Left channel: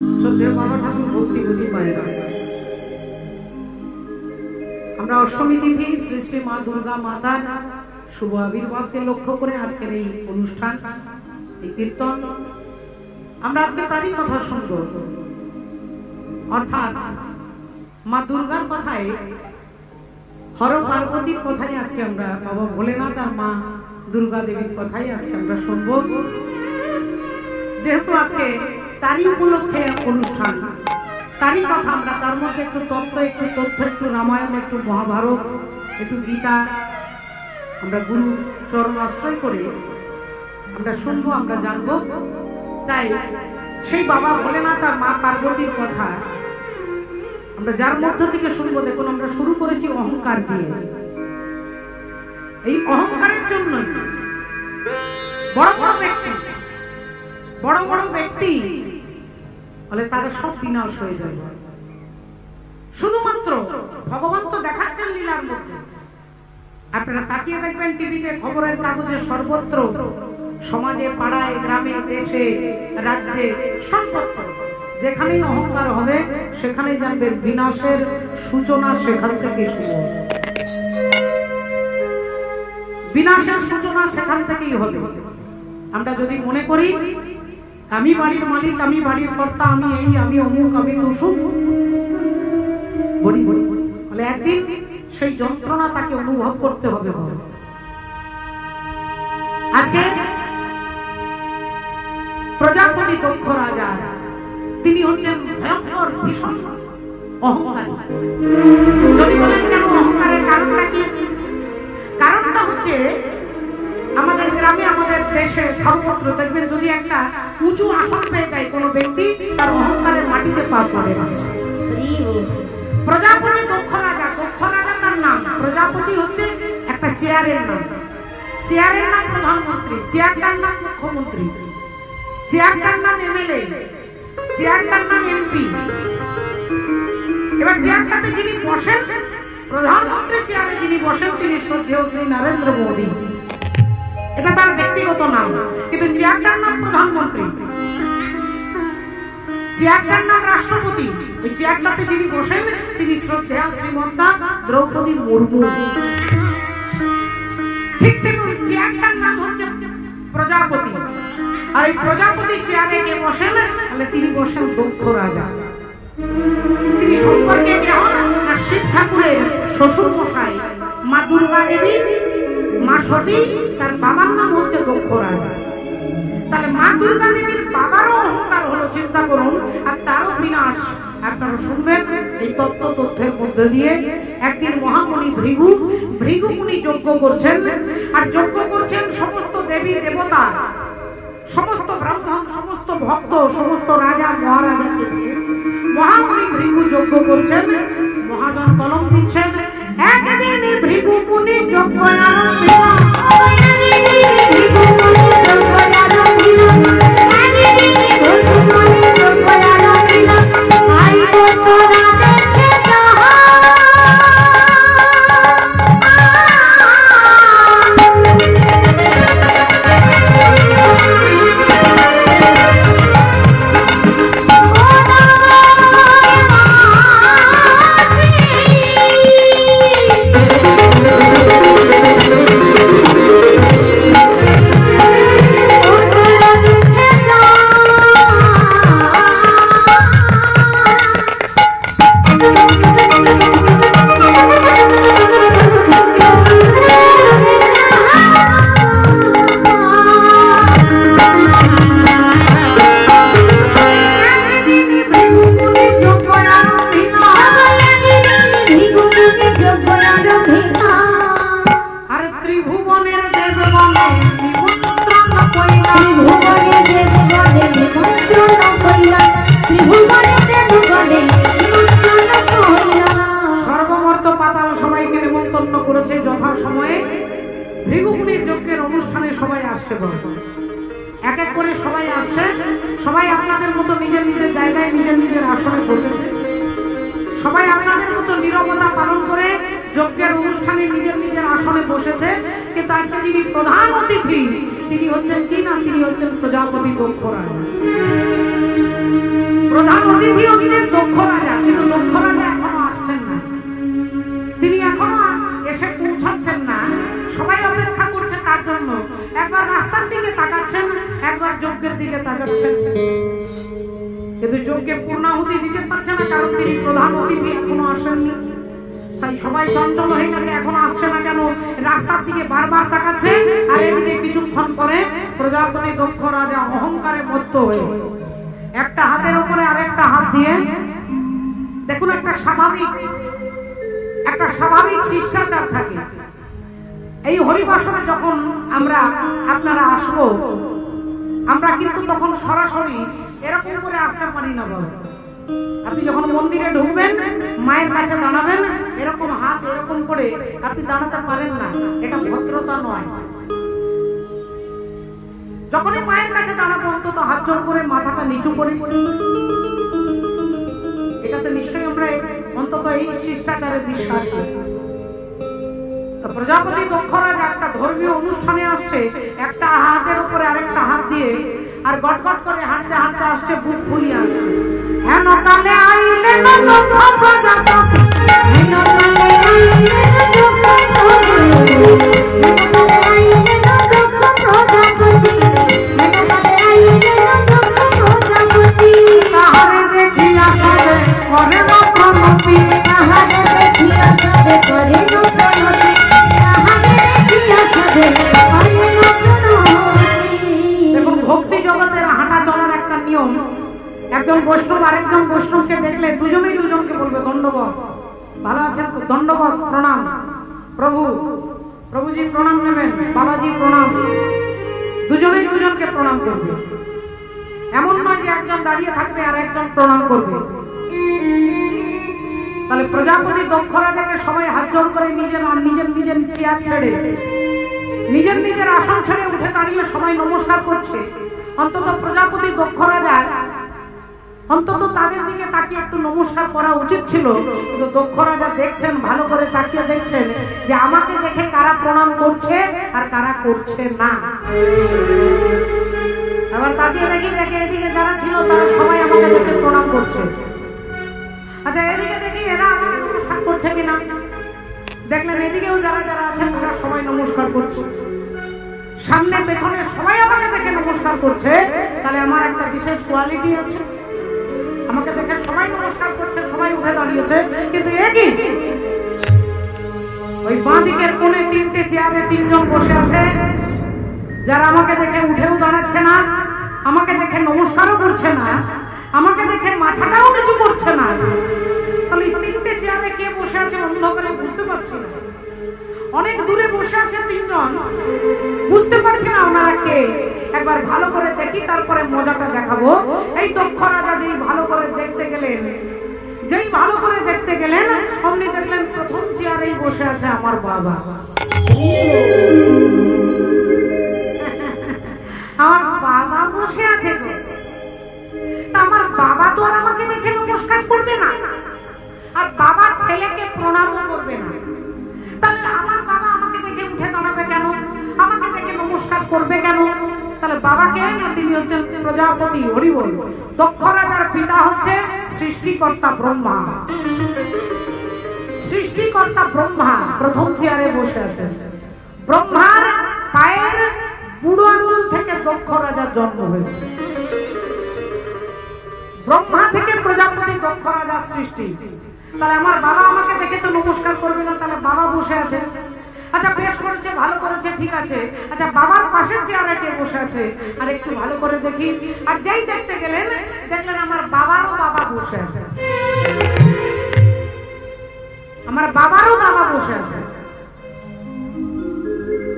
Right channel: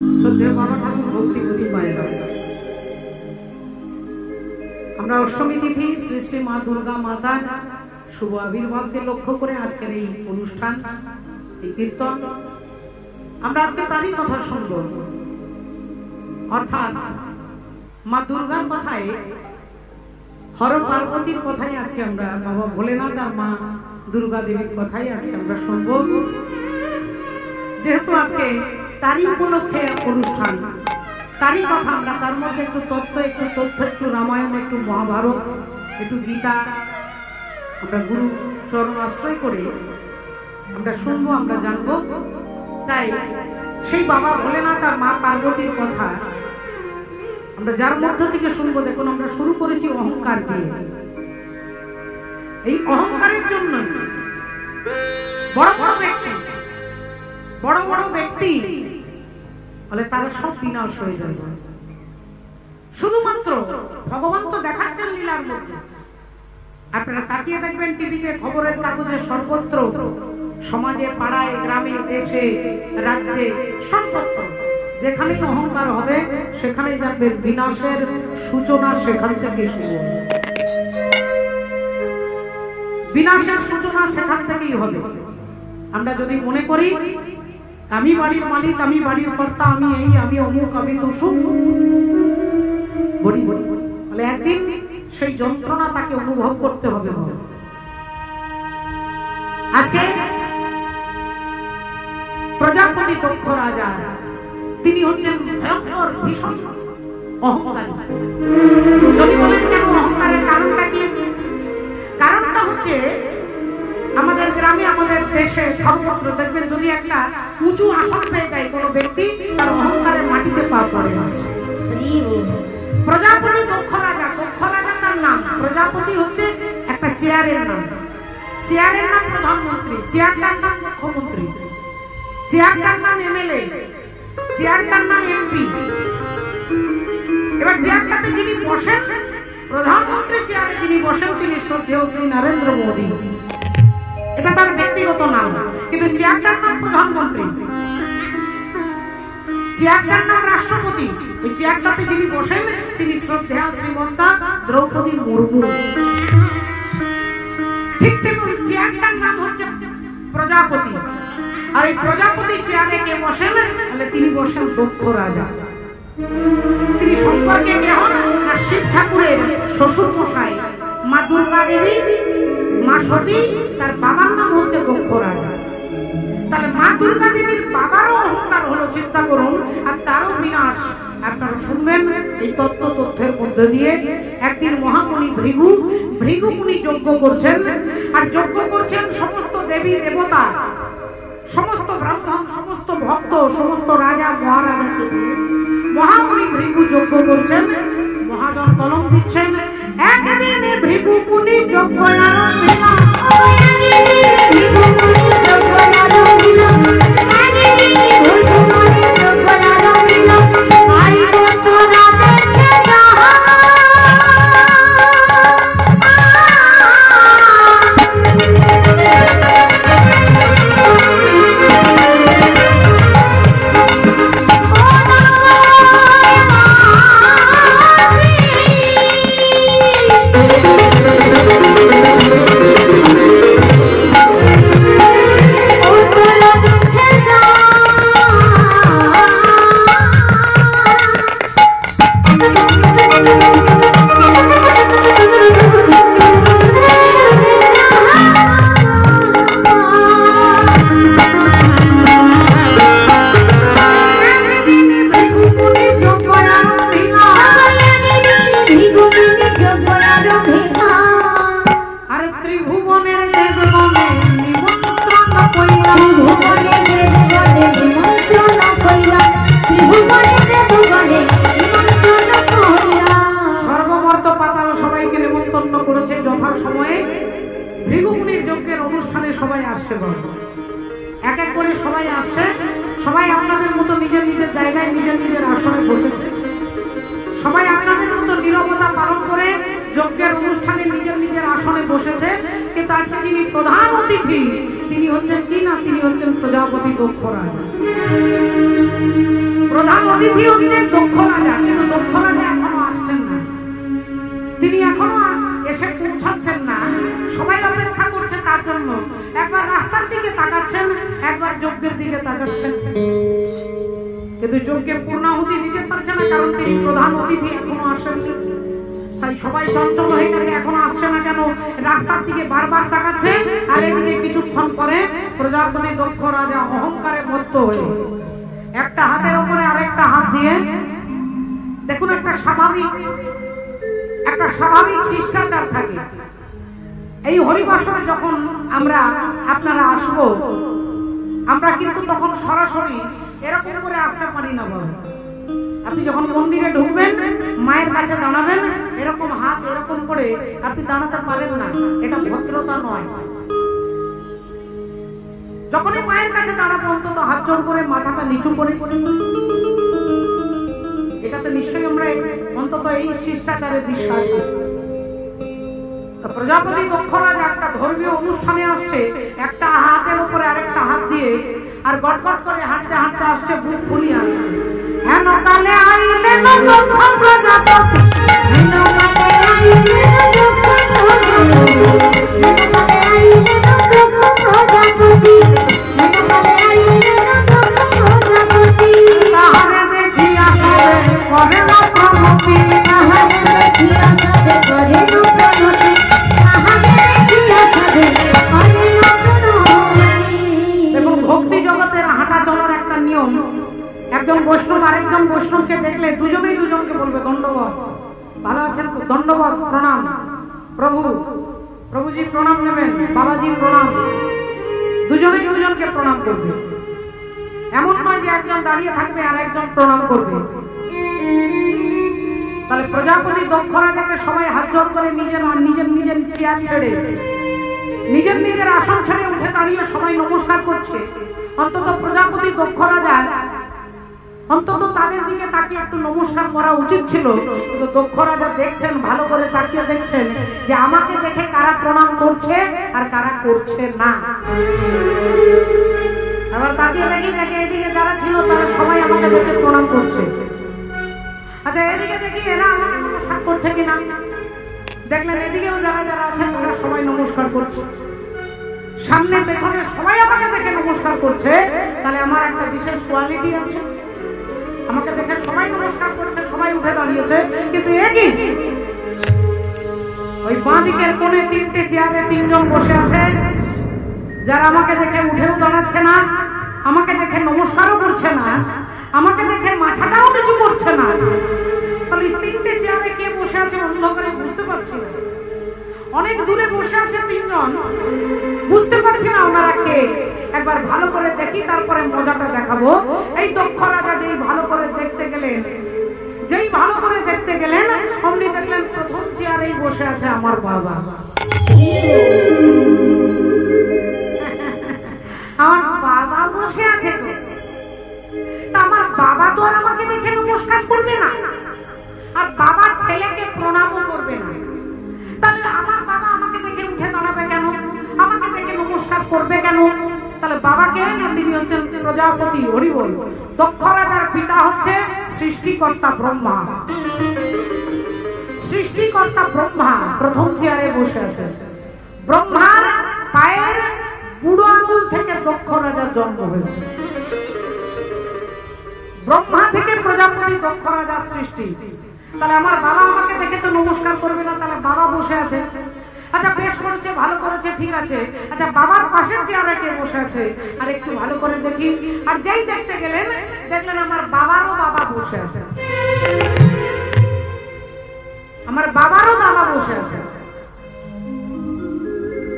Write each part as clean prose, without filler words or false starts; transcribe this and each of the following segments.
শ্রদ্ধেয় বাবা ঠাকুর ভক্তি বুদ্ধি পায়রা। আমরা অষ্টমী তিথি শ্রী শ্রী মা দুর্গা মাতার শুভ আবির্ভাবকে লক্ষ্য করে আজকের এই অনুষ্ঠান, এই কীর্তন, আমরা আজকে তারই কথা শুনব। অর্থাৎ মা দুর্গার কথায়, হর পার্বতীর কথাই আজকে আমরা, বাবা ভোলেনাথ আর মা দুর্গা দেবীর কথাই আজকে আমরা শুনব। যেহেতু আজকে তারই উপলক্ষে অনুষ্ঠান, তারই কথা আমরা, তার মধ্যে একটু তথ্য, একটু রামায়ণ, একটু মহাভারত, একটু গীতা আমরা গুরু চরণ আশ্রয় করে আমরা শুনবো, আমরা জানবো। তাই সেই বাবা ভোলেনাথ আর মা পার্বতীর কথা আমরা যার মধ্য থেকে শুনবো। দেখুন, আমরা শুরু করেছি অহংকার দিয়ে। এই অহংকারের জন্য বড় বড় ব্যক্তি বলে তারা সব বিনাশ হয়ে যায়। শুধুমাত্র ভগবান তো দেখাচ্ছেন লীলার মধ্যে। আপনারা তাকিয়ে দেখবেন টিভিতে, খবরের কাগজে, সর্বত্র, সমাজে, পাড়ায়, গ্রামে, দেশে, রাজ্যে, সর্বত্র যেখানেই অহংকার হবে সেখানেই জানবেন বিনাশের সূচনা সেখান থেকে শুরু হবে। বিনাশের সূচনা সেখান থেকেই হবে। আমরা যদি মনে করি আমি বাড়ির মালিক, আমি বাড়ির কর্তা, আমি এই, আমি অমুক, আমি তুসুক, বলি বলে একদিন সেই যন্ত্রণা তাকে অনুভব করতে হবে। আজকে প্রজাপতি দক্ষ রাজা, তিনি হচ্ছেন ভয়ঙ্কর ভীষণ অহংকারী। যদি বলেন কেন অহংকারের কারণটা কি? কারণটা হচ্ছে আমাদের গ্রামে, আমাদের দেশে, সর্বত্র দেখবেন যদি একটা উঁচু আসন পেয়ে যায় কোনো ব্যক্তি, তার অহংকারে মাটিতে পা পড়ে না। প্রজাপতি দক্ষ রাজা, দক্ষ রাজা তার নাম। প্রজাপতি হচ্ছে একটা চেয়ারের নাম। চেয়ারের নাম প্রধানমন্ত্রী, চেয়ারটার নাম মুখ্যমন্ত্রী, চেয়ারটার নাম এমএলএ, চেয়ারটার নাম এমপি। এবার চেয়ারটাতে যিনি বসেন, প্রধানমন্ত্রী চেয়ারে যিনি বসেন, তিনি শ্রদ্ধেয় শ্রী নরেন্দ্র মোদী। এটা তার ব্যক্তিগত নাম, কিন্তু চেয়ারটার নাম প্রধানমন্ত্রী, চেয়ারটার নাম রাষ্ট্রপতি। ওই চেয়ারটাতে যিনি বসেন তিনি শ্রদ্ধেয়া শ্রীমতী দ্রৌপদী মুর্মু। ঠিক তেমন চেয়ারটার নাম হচ্ছে প্রজাপতি। আর এই প্রজাপতি চেয়ারে কে বসেন? তাহলে তিনি বসেন দক্ষ রাজা। তিনি সম্পর্কে কে হন? না শিব ঠাকুরের শ্বশুর মশাই মা দুর্গা দেবী, মা সতী, তার বাবার নাম হচ্ছে দক্ষ রাজা। তাহলে মা দুর্গা দেবীর বাবারও অহংকার হলো, চিন্তা করুন, আর তারও বিনাশ। আপনারা শুনবেন এই তথ্যের মধ্যে দিয়ে। একদিন মহামুনি ভৃগু মুনি যজ্ঞ করছেন, আর যজ্ঞ করছেন সমস্ত দেবী দেবতা, সমস্ত ব্রাহ্মণ, সমস্ত ভক্ত, সমস্ত রাজা মহারাজাকে নিয়ে মহামুনি ভৃগু যজ্ঞ করছেন। মহাজন কলম দিচ্ছেন, একদিন ভৃগু মুনি যজ্ঞ আরম্ভিল, সবাইকে নেমন্তন্ন করেছে যথা সময়ে। ভৃগু মুনির যজ্ঞের অনুষ্ঠানে সবাই আসছে, এক এক করে সবাই আসছে। সবাই আপনাদের মতো নিজের নিজের জায়গায়, নিজের নিজের আসনে বসেছে। সবাই আপনাদের মতো নীরবতা পালন করে যজ্ঞের অনুষ্ঠানে নিজের নিজের আসনে বসেছে। কিন্তু আজকে যিনি প্রধান অতিথি তিনি হচ্ছেন কি না, তিনি হচ্ছেন প্রজাপতি দক্ষ রাজা। প্রধান অতিথি হচ্ছেন দক্ষ রাজা, কিন্তু দক্ষ রাজা এখনো আসছেন না, তিনি এখনো এসে পৌঁছাচ্ছেন না। সবাই অপেক্ষা করছে তার জন্য। একবার রাস্তার দিকে তাকাচ্ছেন, একবার যজ্ঞের দিকে তাকাচ্ছেন, কিন্তু যজ্ঞে পূর্ণাহুতি দিতে পারছে না, কারণ তিনি প্রধান অতিথি এখনো আসেননি। তাই সবাই চঞ্চল হয়ে গেছে, এখনো আসছে না কেন, রাস্তার দিকে বারবার তাকাচ্ছে। আর এদিকে কিছুক্ষণ পরে প্রজাপতি দক্ষ রাজা অহংকারে মত্ত হয়ে একটা হাতের উপরে আরেকটা হাত দিয়ে, দেখুন একটা স্বাভাবিক শিষ্টাচার থাকে। এই হরিবাসরে যখন আপনারা আসবো, আমরা কিন্তু তখন সরাসরি এরকম করে আসতে পারি না বাবা। আপনি যখন মন্দিরে ঢুকবেন, মায়ের কাছে দাঁড়াবেন, এরকম হাত এরকম করে আপনি দাঁড়াতে পারেন না, এটা ভদ্রতা নয়। যখনই মায়ের কাছে দাঁড়াবো অন্তত হাত জোড় করে মাথাটা নিচু করে, এটাতে নিশ্চয়ই আমরা অন্তত এই শিষ্টাচারে বিশ্বাসী। প্রজাপতি দক্ষ রাজা একটা ধর্মীয় অনুষ্ঠানে আসছে, একটা হাতের উপরে আরেকটা হাত দিয়ে, আর গটগট করে হাঁটতে হাঁটতে আসছে, বুক ফুলিয়ে আসছে। হেন কালে আইলেন দক্ষ প্রজাপতি, হেন কালে আইলেন দক্ষ প্রজাপতি, হেন কালে আইলেন দক্ষ প্রজাপতি, হেন কালে আইলেন দক্ষ প্রজাপতি। তাহারে দেখিয়া সবে করে না প্রণতি, তাহারে দেখিয়া সবে করে না প্রণতি, তাহারে দেখিয়া সবে করে না প্রণতি। দেখুন ভক্তি জগতের হাঁটা চলার একটা নিয়ম। একজন বৈষ্ণব আরেকজন বৈষ্ণবকে দেখলে দুজনেই দুজনকে বলবে দণ্ডবত, ভালো আছেন তো, দণ্ডবত, প্রণাম প্রভুজি প্রণাম নেবেন, বাবাজি প্রণাম, দুজনেই দুজনকে প্রণাম করবে। এমন নয় যে একজন দাঁড়িয়ে থাকবে আর একজন প্রণাম করবে। তাহলে প্রজাপতি দক্ষ রাজাকে সবাই হাত জোড় করে নিজের চেয়ার ছেড়ে, নিজের আসন ছেড়ে উঠে দাঁড়িয়ে সবাই নমস্কার করছে। অন্তত প্রজাপতি দক্ষ রাজার অন্তত তাদের দিকে তাকিয়ে একটু নমস্কার করা উচিত ছিল, কিন্তু দক্ষ রাজা দেখছেন, ভালো করে তাকিয়ে দেখছেন যে আমাকে দেখে কারা প্রণাম করছে আর কারা করছে না। আবার তাকিয়ে দেখে এদিকে যারা ছিল তারা সবাই আমাকে দেখে প্রণাম করছে। আচ্ছা এদিকে দেখি এরা আমাকে নমস্কার করছে কিনা, দেখলেন এদিকেও যারা আছে তারা সবাই নমস্কার করছে, সামনে পেছনে সবাই আমাকে দেখে নমস্কার করছে। তাহলে আমার একটা বিশেষ কোয়ালিটি আছে, আমাকে দেখে সবাই নমস্কার করছে, সবাই উঠে দাঁড়িয়েছে, কিন্তু একই ওই বাঁ দিকের কোণে তিনটে চেয়ারে তিনজন বসে আছে, যারা আমাকে দেখে উঠেও দাঁড়াচ্ছে না, আমাকে দেখে নমস্কারও করছে না, আমাকে দেখে মাথাটাও নিচু করছে না। তাহলে তিনটে চেয়ারে কে বসে আছে অন্ধকারে বুঝতে পারছি না। অনেক দূরে বসে আছে তিনজন, বুঝতে পারছি না ওনারা কে। একবার ভালো করে দেখি, তারপরে মজাটা দেখাবো। এই দক্ষ রাজা যেই ভালো করে দেখতে গেলেন অমনি দেখলেন প্রথম চেয়ারেই বসে আছে আমার বাবা। আমার বাবা বসে আছে, আমার বাবা তো আর আমাকে দেখে নমস্কার করবে না, আর বাবা ছেলেকে প্রণামও করবে না। তাহলে আমার বাবা আমাকে দেখে উঠে দাঁড়াবে কেন, আমাকে দেখে নমস্কার করবে কেন? তাহলে বাবাকে না, তিনি হচ্ছেন প্রজাপতি। হরি বল। দক্ষ রাজার পিতা হচ্ছে সৃষ্টিকর্তা ব্রহ্মা। সৃষ্টিকর্তা ব্রহ্মা প্রথম চেয়ারে বসে আছে। ব্রহ্মার পায়ের বুড়ো আঙ্গুল থেকে দক্ষ রাজার জন্ম হয়েছে। ব্রহ্মা থেকে প্রজাপতি দক্ষ রাজার সৃষ্টি। তাহলে আমার বাবা আমাকে দেখে তো নমস্কার করবে না, তাহলে বাবা বসে আছে। আচ্ছা বেশ করেছে, ভালো করেছে, ঠিক আছে। আচ্ছা বাবার পাশে চেয়ারে কে বসে আছে আর একটু ভালো করে দেখি। আর যেই দেখতে গেলেন দেখলেন আমার বাবারও বাবা বসে আছে, আমার বাবারও বাবা বসে আছে।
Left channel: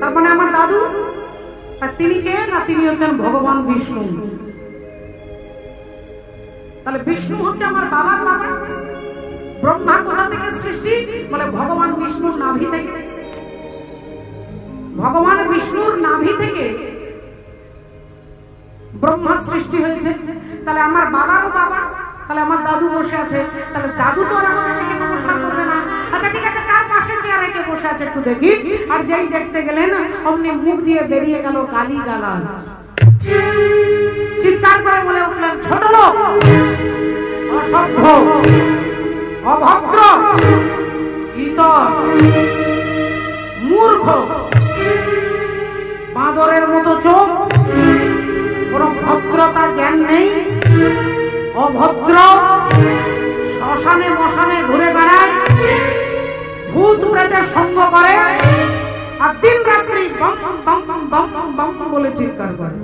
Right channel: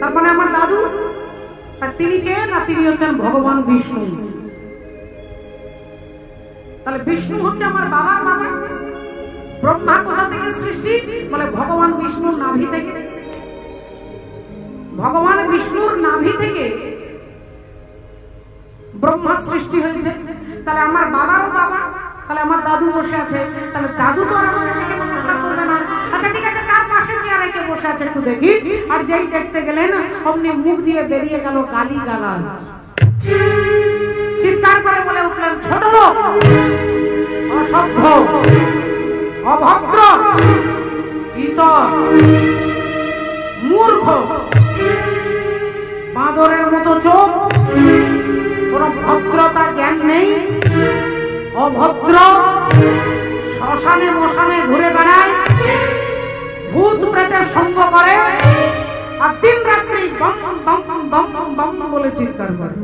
তার মানে আমার দাদু। আর তিনি কে না, তিনি হচ্ছেন ভগবান বিষ্ণু। তাহলে বিষ্ণু হচ্ছে আমার বাবার বাবা। ব্রহ্মা কোথা থেকে সৃষ্টি বলে? ভগবান বিষ্ণুর নাভি থেকে। ভগবান বিষ্ণুর নাভি থেকে ব্রহ্মা সৃষ্টি হয়েছে। তাহলে আমার বাবারও বাবা, তাহলে আমার দাদু বসে আছে। তাহলে দাদু তো আর আমাকে দেখে নমস্কার করবে না। আচ্ছা ঠিক আছে, তার পাশে চেয়ারে কে বসে আছে একটু দেখি। আর যেই দেখতে গেলেন অমনি মুখ দিয়ে বেরিয়ে গেল গালি গালাজ। চিৎকার করে বলে উঠলেন, ছোট লোক অসভ্য, অভদ্র, ইতর, মূর্খ, বাঁদরের মতো চোখ, কোন ভদ্রতা জ্ঞান নেই, অভদ্র, শ্মশানে মশানে ঘুরে বেড়ায়, ভূত প্রেতের সঙ্গ করে, আর দিন রাত্রি বম বম বম বম বলে চিৎকার করে।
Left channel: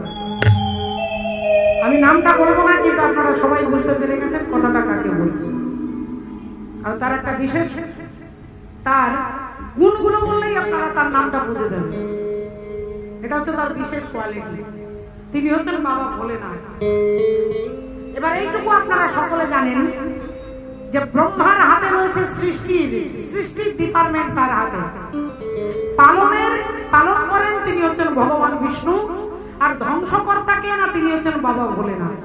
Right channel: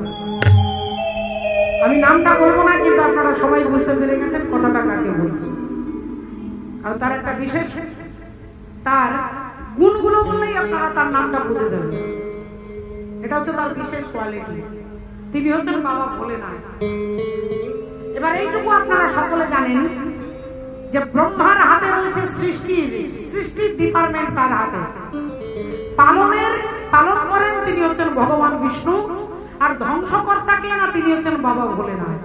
আমি নামটা বলবো না, কিন্তু আপনারা সবাই বুঝতে পেরে গেছেন কথাটা কাকে বলছি। আর তার একটা বিশেষ, তার গুণগুলো বললেই আপনারা তার নামটা বুঝে যাবেন। এটা হচ্ছে তার বিশেষ কোয়ালিটি। তিনি হচ্ছেন বাবা ভোলেনাথ। এবার এইটুকু আপনারা সকলে জানেন যে ব্রহ্মার হাতে রয়েছে সৃষ্টির ডিপার্টমেন্ট তার হাতে। পালন করেন তিনি হচ্ছেন ভগবান বিষ্ণু, আর ধ্বংসকর্তা কে না, তিনি হচ্ছেন বাবা ভোলেনাথ।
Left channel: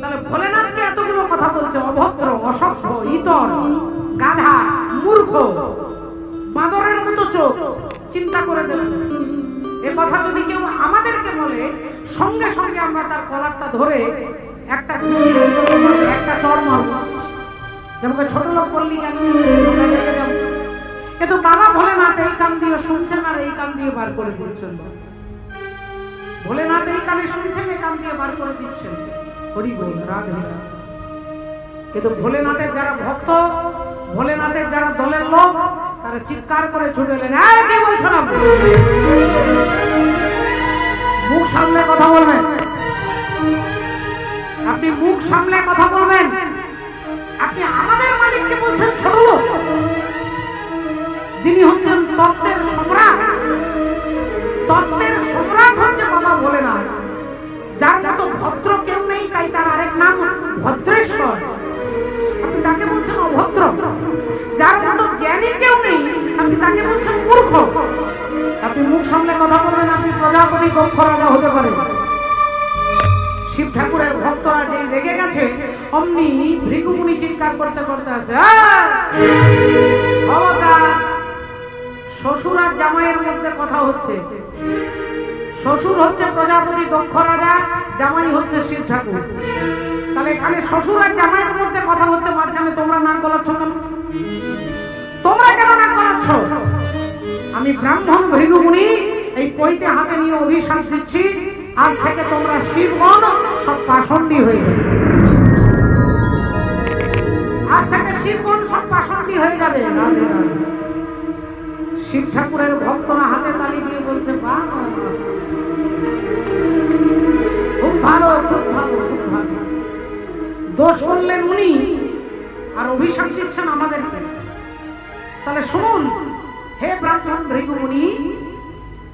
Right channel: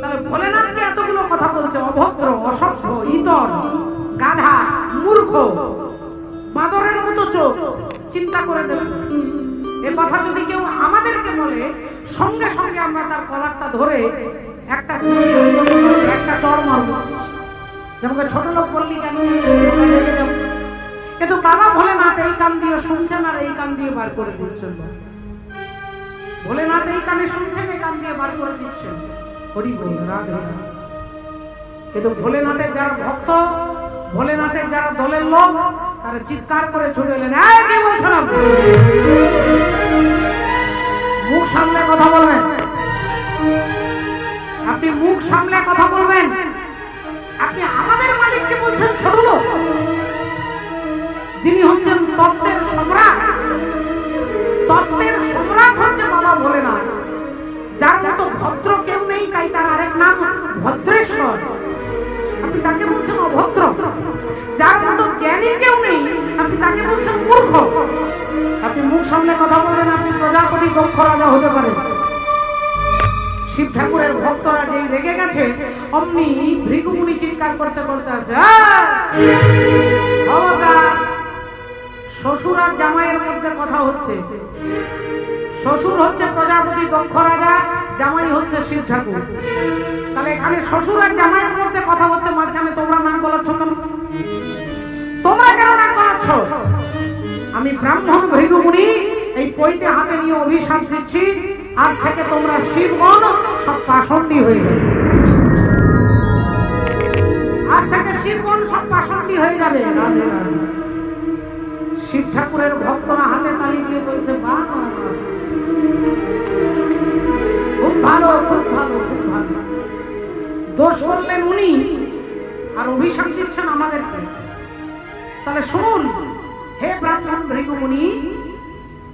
তাহলে ভোলেনাথকে এতগুলো কথা বলছে, অভদ্র, অসভ্য, ইতর, গাধা, মূর্খ, বাঁদরের মতো চোখ। চিন্তা করে দেবেন, এ কথা যদি কেউ আমাদেরকে বলে, সঙ্গে সঙ্গে আমরা তার কলারটা ধরে একটা একটা চড় মারবো। যেমন ছোট লোক বললি কেন রেখে যাবো, কিন্তু বাবা ভোলেনাথ এই কান দিয়ে শুনছেন আর এই কান দিয়ে বার করে দিচ্ছেন। ভোলেনাথ এই কানে শুনছেন, এই কান দিয়ে বার করে দিচ্ছেন। হরি বল, রাধে রাধে। কিন্তু ভোলেনাথের যারা ভক্ত, ভোলেনাথের যারা দলের লোক, তারা চিৎকার করে ছুটে এলেন, এই কি বলছেন আপনি? মুখ সামলে কথা বলবেন, আপনি মুখ সামলে কথা বলবেন। আপনি আমাদের মালিককে বলছেন ছোট লোক, যিনি হচ্ছেন তত্ত্বের সম্রাট। তত্ত্বের সম্রাট হচ্ছে বাবা ভোলেনাথ, যার মতো ভদ্র কেউ নেই, তাই তার আরেক নাম ভদ্রেশ্বর। আপনি তাকে বলছেন অভদ্র। যার মতো জ্ঞানী কেউ নেই, আপনি তাকে বলছেন মূর্খ। আপনি মুখ সামলে কথা বলবেন, আপনি প্রজাপতি দক্ষ রাজা হতে পারেন। শিব ঠাকুরের ভক্তরা যেই রেগে গেছে, অমনি ভৃগুমুনি চিৎকার করতে করতে আসে, শ্বশুর আর জামাইয়ের মধ্যে কথা হচ্ছে। শ্বশুর হচ্ছে প্রজাপতি দক্ষ রাজা, জামাই হচ্ছে শিব ঠাকুর। তাহলে এখানে শ্বশুর আর জামাইয়ের মধ্যে কথা হচ্ছে, মাঝখানে তোমরা নাক গলাচ্ছ কেন? তোমরা কেন নাক গলাচ্ছ? আমি ব্রাহ্মণ ভৃগুমুনি এই পৈতে হাতে নিয়ে অভিশাপ দিচ্ছি, আজ থেকে তোমরা শিবগণ সব পাষণ্ডী হয়ে যাবে। আজ থেকে শিবগণ সব পাষণ্ডী হয়ে যাবে। রাধে রাধে। শিব ঠাকুরের ভক্তরা হাতে তালি দিয়ে বলছে, বাহ, খুব ভালো, খুব ভালো, খুব ভালো। দোষ করলেন উনি, আর অভিশাপ দিচ্ছেন আমাদেরকে। তাহলে শুনুন, হে ব্রাহ্মণ ভৃগুমুনি,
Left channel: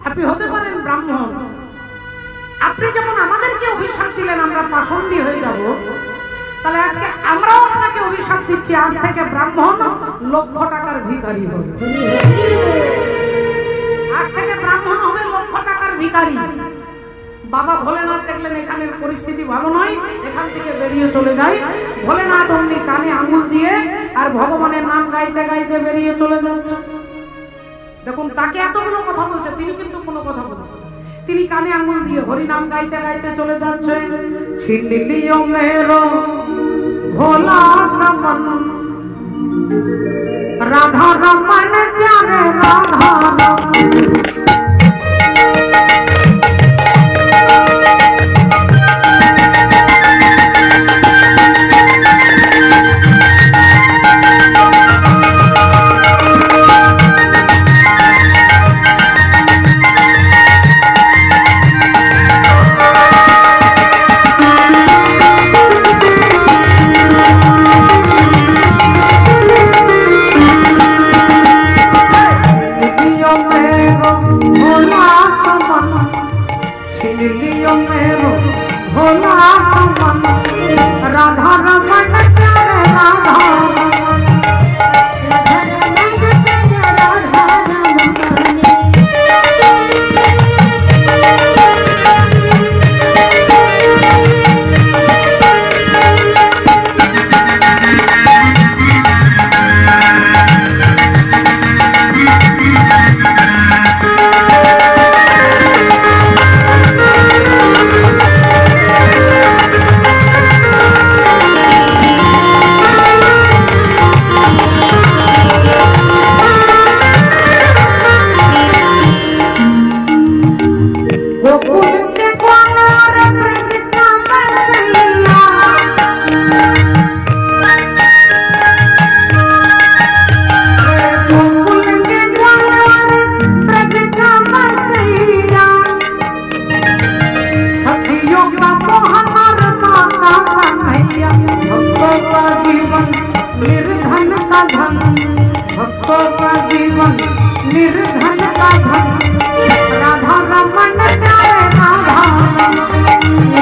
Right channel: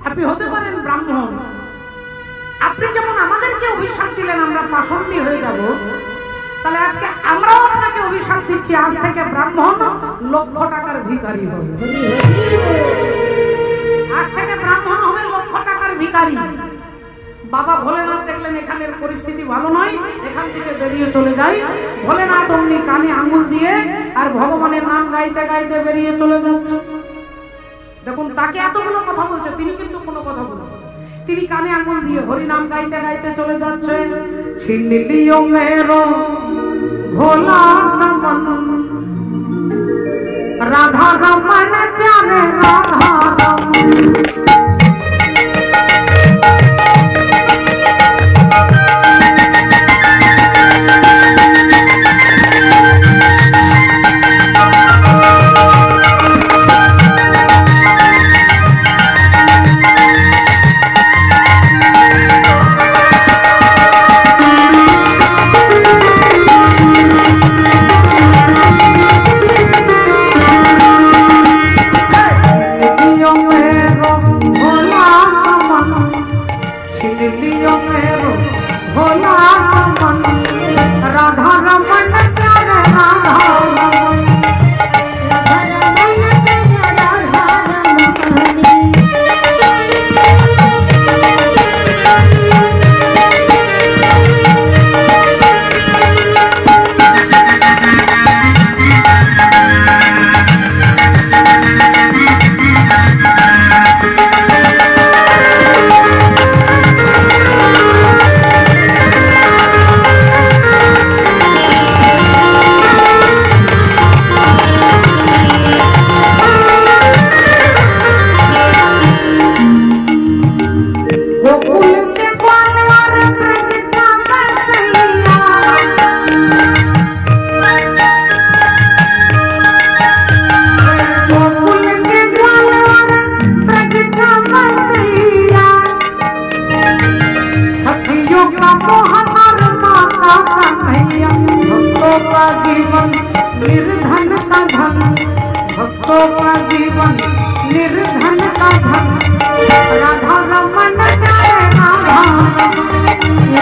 আপনি হতে পারেন ব্রাহ্মণ, আপনি যেমন আমাদেরকে অভিশাপ দিলেন আমরা পাষণ্ডী হয়ে যাব, তাহলে আজকে আমরাও আপনাকে অভিশাপ দিচ্ছি, আজ থেকে ব্রাহ্মণ লক্ষ টাকার ভিখারি হবে। আজ থেকে ব্রাহ্মণ হবে লক্ষ টাকার ভিখারি। বাবা ভোলেনাথ দেখলেন এখানের পরিস্থিতি ভালো নয়, এখান থেকে বেরিয়ে চলে যায়। ভোলেনাথ অমনি কানে আঙুল দিয়ে আর ভগবানের নাম গাইতে গাইতে বেরিয়ে চলে যাচ্ছে। দেখুন, তাকে এতগুলো কথা বলছে, তিনি কিন্তু কোনো কথা বলছেন। তিনি কানে আঙুল দিয়ে হরি নাম গাইতে গাইতে চলে যাচ্ছে। ছিন লিও মেরো ভোলা সমন, রাধা রমন প্যারে রাধা রমন। राधा रमन प्यारे राधा रमन, राधा रमन प्यारे राधा रमन। का धन, भक्तों का जीवन निर्धन का धन। राधा रमन प्यारे राधा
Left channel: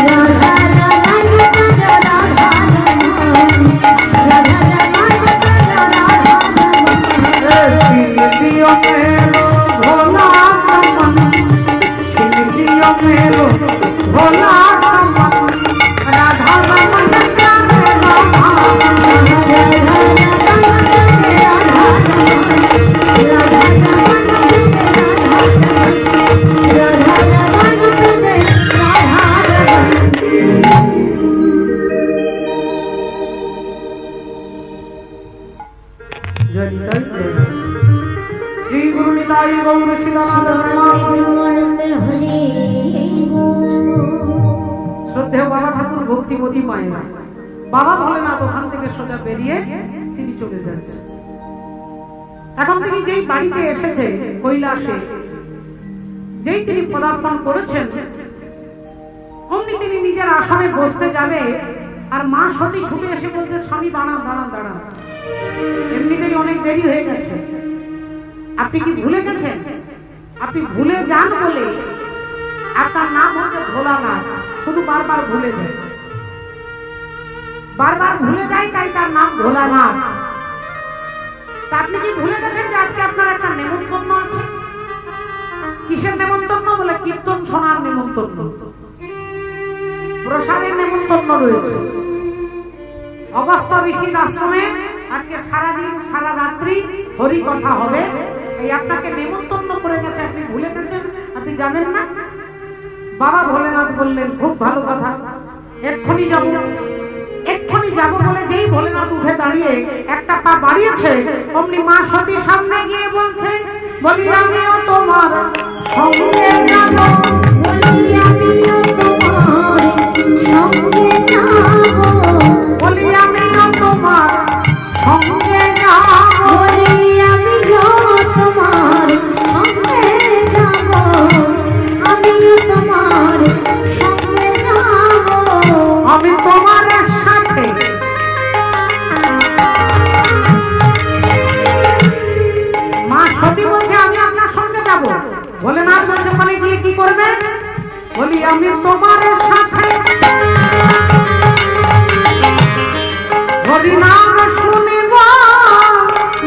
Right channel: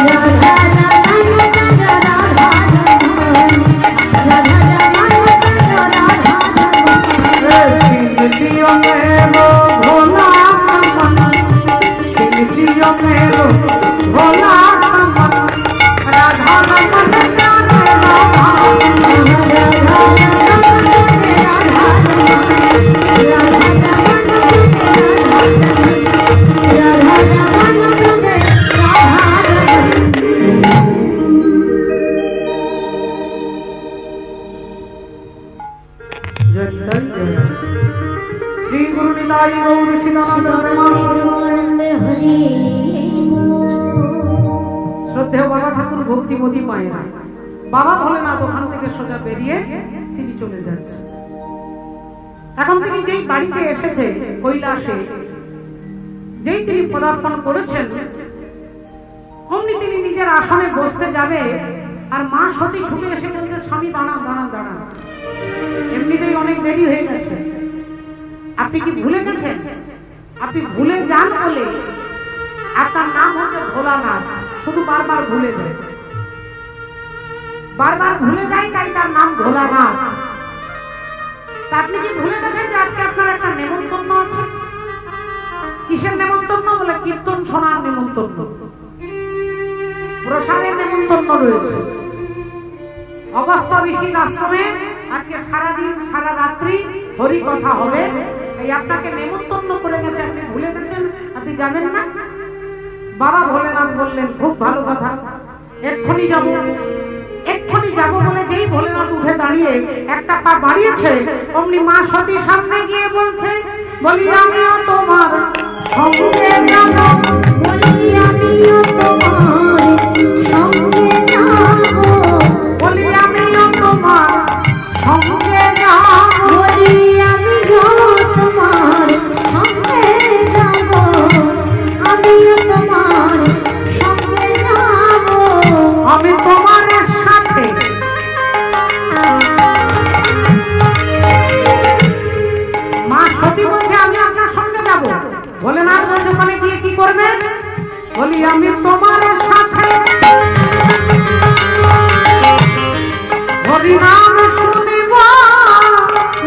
राधा रमन राधा राधा छीन लियो मेरो भोला समन, छीन लियो मेरो भोला समन। राधा रमन प्यारे राधा राधा श्री गुरु निताई गौर शिलानंद प्रेमानंदे हरि। শ্রদ্ধেয় বাবা ঠাকুর ভক্তিমতী মায়েরা, বাবা ভোলেনাথ ওখান থেকে সোজা বেরিয়ে তিনি চলে যাচ্ছেন। এখন তিনি যেই বাড়িতে এসেছে কৈলাসে, যেই তিনি পদার্পণ করেছেন, অমনি তিনি নিজের আসনে বসতে যাবে আর মা সতী ছুটে এসে বলছে, স্বামী দাঁড়ান দাঁড়ান দাঁড়ান, এমনিতেই অনেক দেরি হয়ে গেছে, আপনি কি ভুলে গেছেন? আপনি ভুলে যান বলে আপনার নাম হচ্ছে ভোলানাথ, শুধু বারবার ভুলে যায়, বারবার ভুলে যায়, তাই তার নাম ভোলানাথ। তা আপনি কি ভুলে গেছেন যে আজকে আপনার একটা নেমন্তন্ন আছে? কিসের নেমন্তন্ন? বলে কীর্তন শোনার নেমন্তন্ন, প্রসাদের নেমন্তন্ন রয়েছে। অগস্ত্য ঋষির আশ্রমে আজকে সারাদিন সারা রাত্রি হরি কথা হবে, এই আপনাকে নেমন্তন্ন করে গেছে, আপনি ভুলে গেছেন, আপনি যাবেন না? বাবা ভোলেনাথ বললেন, খুব ভালো কথা, এক্ষুনি যাব। এক্ষুনি যাব বলে যেই ভোলেনাথ উঠে দাঁড়িয়ে একটা পা বাড়িয়েছে, অমনি মা সতী সামনে গিয়ে বলছে, বলি আমিও তোমার সঙ্গে যাব, বলি আমিও তোমার সঙ্গে যাব, বলি আমিও তোমার সঙ্গে যাব, বলি আমিও তোমার সঙ্গে যাব, আমিও তোমার সঙ্গে যাব, আমি তোমার সাথে। মা সতী বলছে, আমি আপনার সঙ্গে যাব। ভোলেনাথ বলছে, ওখানে গিয়ে কি করবে? বলি আমি তোমার সাথে হরি নাম শুনিব,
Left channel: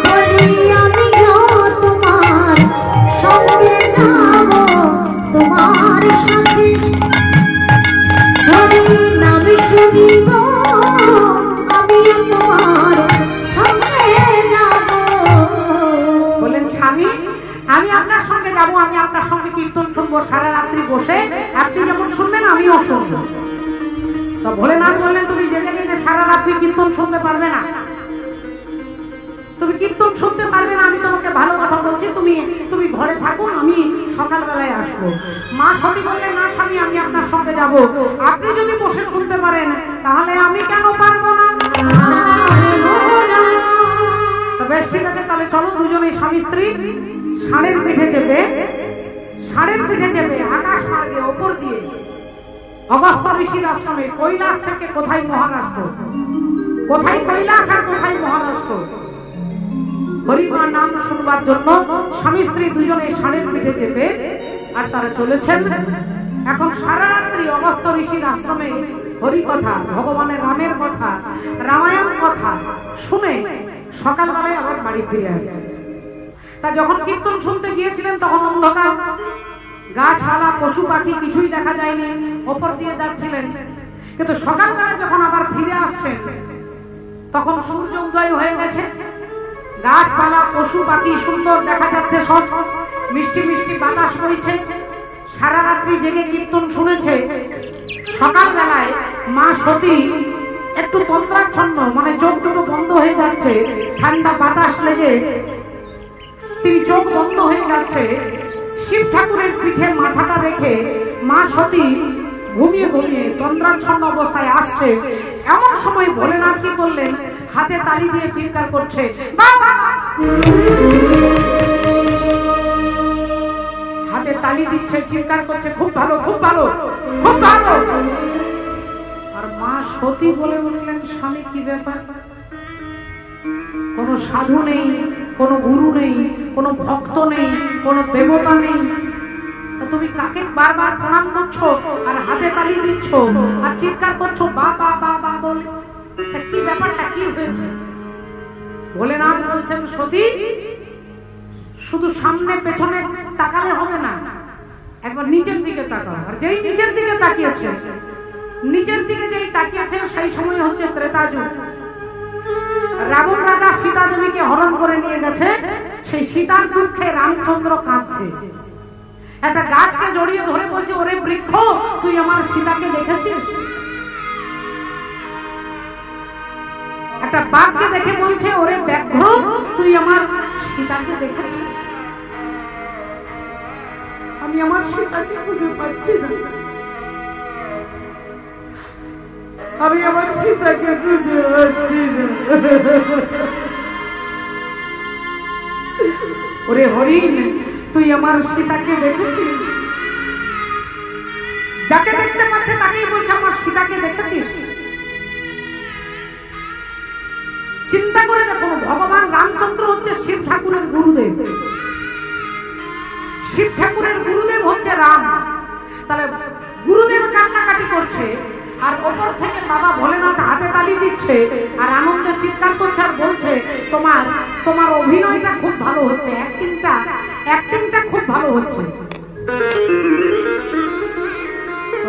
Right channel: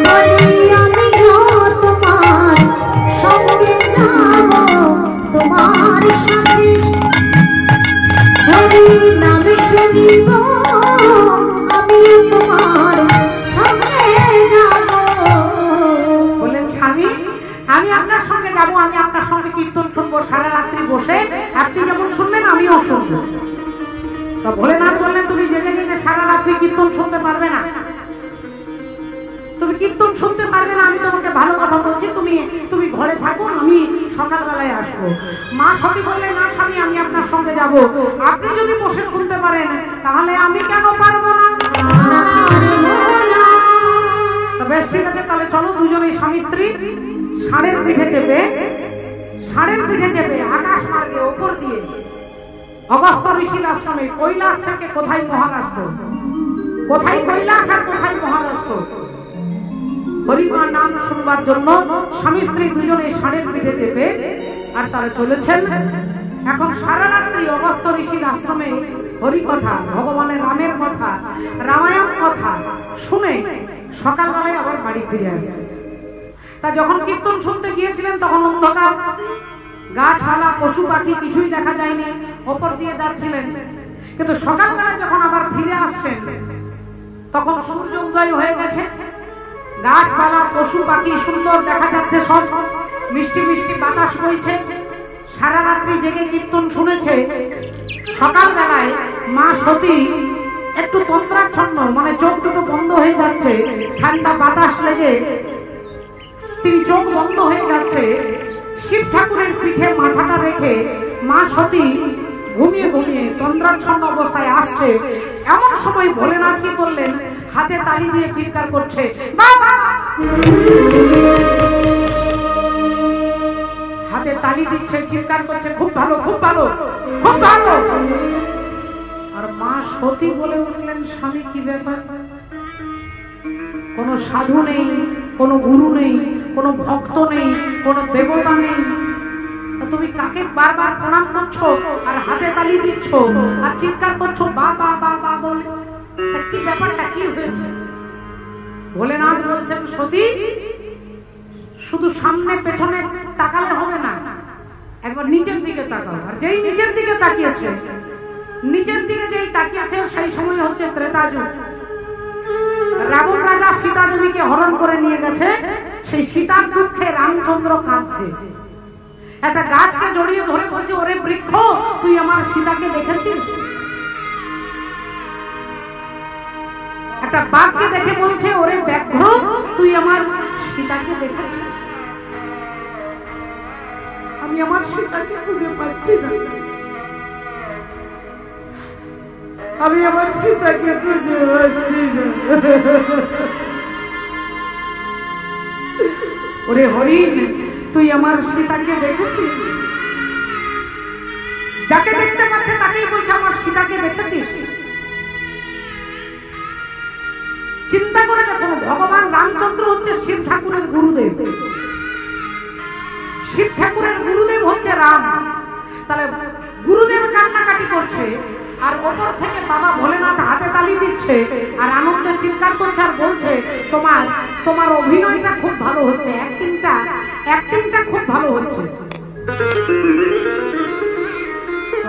বলি আমিও তোমার সঙ্গে যাব, তোমার সাথে হরি নাম শুনিব, আমিও তোমার সঙ্গে যাব। বলেন, স্বামী আমি আপনার সঙ্গে যাব, আমি আপনার সঙ্গে কীর্তন শুনবো সারা রাত্রি বসে, আপনি যেমন শুনবেন আমিও শুনবো। তা ভোলেনাথ বললেন, তুমি জেগে জেগে সারা রাত্রি কীর্তন শুনতে পারবে না, তুমি কীর্তন শুনতে পারবে না, আমি তোমাকে ভালো কথা বলছি, তুমি ঘরে থাকো, আমি সকালবেলায় আসবো। মা সতী বললেন, না স্বামী আমি আপনার সঙ্গে যাব, আপনি যদি বসে শুনতে পারেন তাহলে আমি কেন পারবো না? বেশ ঠিক আছে, তাহলে চলো দুজনেই স্বামী স্ত্রী ষাঁড়ের পিঠে চেপে আকাশ মার্গে ওপর দিয়ে অগস্ত্য ঋষির আশ্রমে, কৈলাস থেকে কোথায় মহারাষ্ট্র, কোথায় কৈলাস আর কোথায় মহারাষ্ট্র, হরিমা নাম শুনবার জন্য স্বামী স্ত্রী দুজনে ষাঁড়ের পিঠে চেপে আর তারা চলেছেন। এখন সারা রাত্রি অগস্ত্য ঋষির আশ্রমে হরি কথা, ভগবানের রামের কথা, রামায়ণ কথা শুনে সকালবেলায় আবার বাড়ি ফিরে আসছে। তা যখন কীর্তন শুনতে গিয়েছিলেন তখন অন্ধকার, গাছপালা পশু পাখি কিছুই দেখা যায়নি, ওপর দিয়ে যাচ্ছিলেন। কিন্তু সকালবেলা যখন আবার ফিরে আসছেন তখন সূর্য উদয় হয়ে গেছে, গাছপালা পশু পাখি সুন্দর দেখা যাচ্ছে, সব মিষ্টি মিষ্টি বাতাস বইছে। সারা রাত্রি জেগে কীর্তন শুনেছে, সকালবেলায় মা সতী একটু তন্দ্রাচ্ছন্ন, মানে চোখ দুটো বন্ধ হয়ে যাচ্ছে, ঠান্ডা বাতাস লেগে তিনি চোখ বন্ধ হয়ে যাচ্ছে। শিব ঠাকুরের পিঠে মাথাটা রেখে মা সতী ঘুমিয়ে ঘুমিয়ে তন্দ্রাচ্ছন্ন অবস্থায় আসছে। এমন সময় ভোলেনাথ কি করলেন, হাতে তালি দিয়ে চিৎকার করছে, বাবা! হাতে তালি দিচ্ছে, চিৎকার করছে, খুব ভালো খুব ভালো খুব ভালো। আর মা সতী বলে উঠলেন, স্বামী কি ব্যাপার? কোনো সাধু নেই, কোনো গুরু নেই, কোনো ভক্ত নেই, কোনো দেবতা নেই। তুমি কাকে বারবার প্রণাম করছো আর হাতে তালি দিচ্ছ আর চিৎকার করছো বা বা বা বা বলে? কি ব্যাপারটা কি হয়েছে? ভোলেনাথ বলছেন, সতী শুধু সামনে পেছনে তাকালে হবে না, একবার নিচের দিকে তাকাও। আর যেই নিচের দিকে তাকিয়েছে, নিচের দিকে যেই তাকিয়েছে, সেই সময় হচ্ছে ত্রেতা যুগ। রাবণ রাজা সীতা দেবীকে হরণ করে নিয়ে গেছে। সেই সীতার দুঃখে রামচন্দ্র কাঁদছে। একটা গাছকে জড়িয়ে ধরে বলছে, ওরে বৃক্ষ, তুই আমার সীতাকে দেখেছিস? একটা বাঘকে দেখে বলছে, ওরে ব্যাঘ্র, তুই আমার সীতাকে দেখেছিস? আমি আমার সীতাকে খুঁজে পাচ্ছি না, আমি আমার সীতাকে খুঁজে পাচ্ছি না। ওরে হরিণ, তুই আমার সীতাকে দেখেছিস? যাকে দেখতে পাচ্ছে তাকেই বলছে, আমার সীতাকে দেখেছিস? চিন্তা করে দেখুন, ভগবান রামচন্দ্র হচ্ছে শিব ঠাকুরের গুরুদেব, শিব ঠাকুরের গুরুদেব হচ্ছে রাম। তাহলে গুরুদেব কান্নাকাটি করছে, আর ওপর থেকে বাবা ভোলেনাথ হাতে তালি দিচ্ছে আর আনন্দে চিৎকার করছে আর বলছে, তোমার অভিনয়টা খুব ভালো হচ্ছে, অ্যাক্টিংটা খুব ভালো হচ্ছে।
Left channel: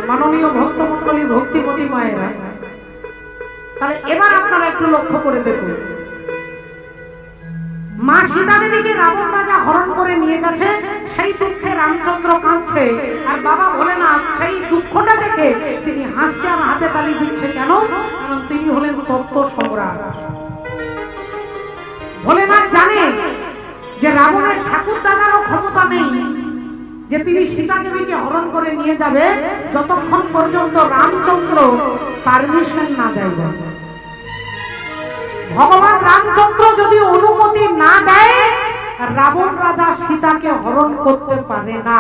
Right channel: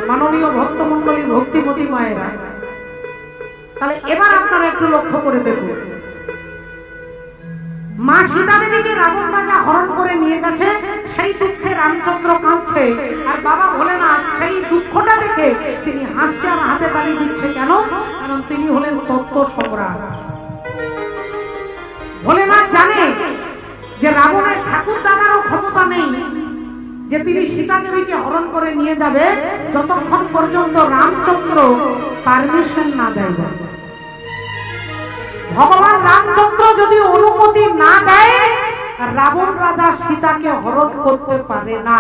মাননীয় ভক্তমণ্ডলী, ভক্তিমতী মায়েরা, তাহলে এবার আপনারা একটু লক্ষ্য করে দেখুন, মা সীতা দেবীকে রাবণ রাজা হরণ করে নিয়ে গেছে, সেই দুঃখে রামচন্দ্র কাঁদছে, আর বাবা ভোলেনাথ সেই দুঃখটা দেখে তিনি হাসছে আর হাতে তালি দিচ্ছে। কেন? কারণ তিনি হলেন তত্ত্ব সম্রাট। ভোলেনাথ জানে যে রাবণের ঠাকুর দাদারও ক্ষমতা নেই যে তিনি সীতা দেবীকে হরণ করে নিয়ে যাবে, যতক্ষণ পর্যন্ত রামচন্দ্র পারমিশন না দেয়। ভগবান রামচন্দ্র যদি অনুমতি না দেয়, রাবণ রাজা সীতাকে হরণ করতে পারে না।